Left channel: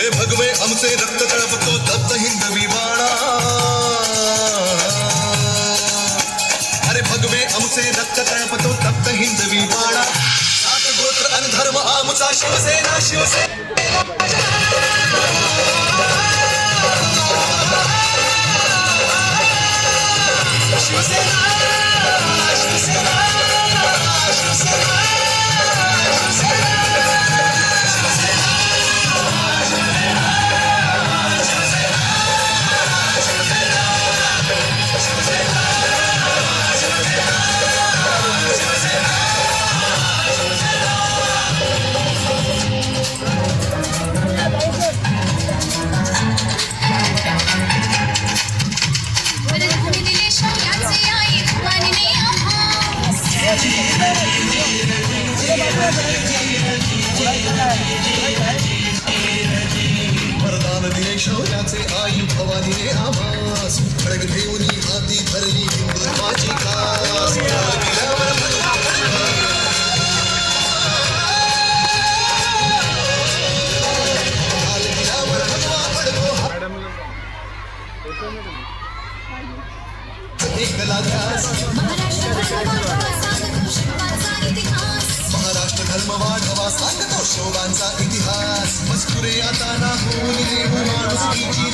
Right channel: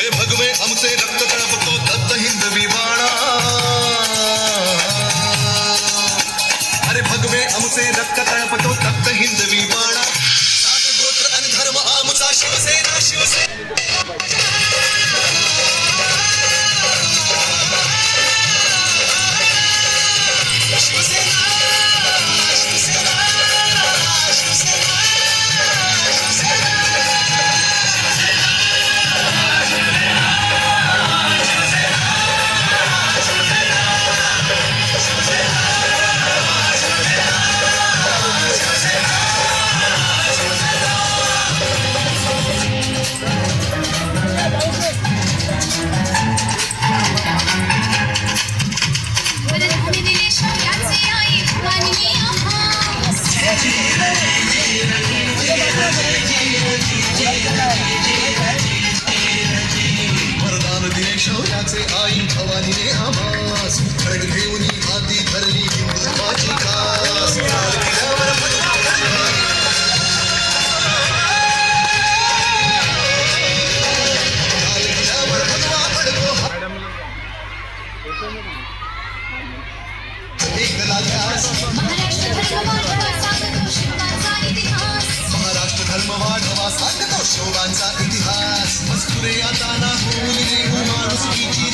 हे भगवे आमचे रक्त तळपतो दत्त हिंदवी बाणा. अरे भगवे आमचे रक्त तळपतो दत्त हिंदवी बाणा. जात गोत्र अन धर्म आमचा शिवसेना शिवसेना. वरदान दिले शौर्याचे आई भवानीने आम्हास. खडग घेऊन हाती धरली हिंदुत्वाची कास. महाराष्ट्र धर्म वाढवा सांगतो शोभांचा इतिहास. मजकुरे आता ना होऊन माणुसकीची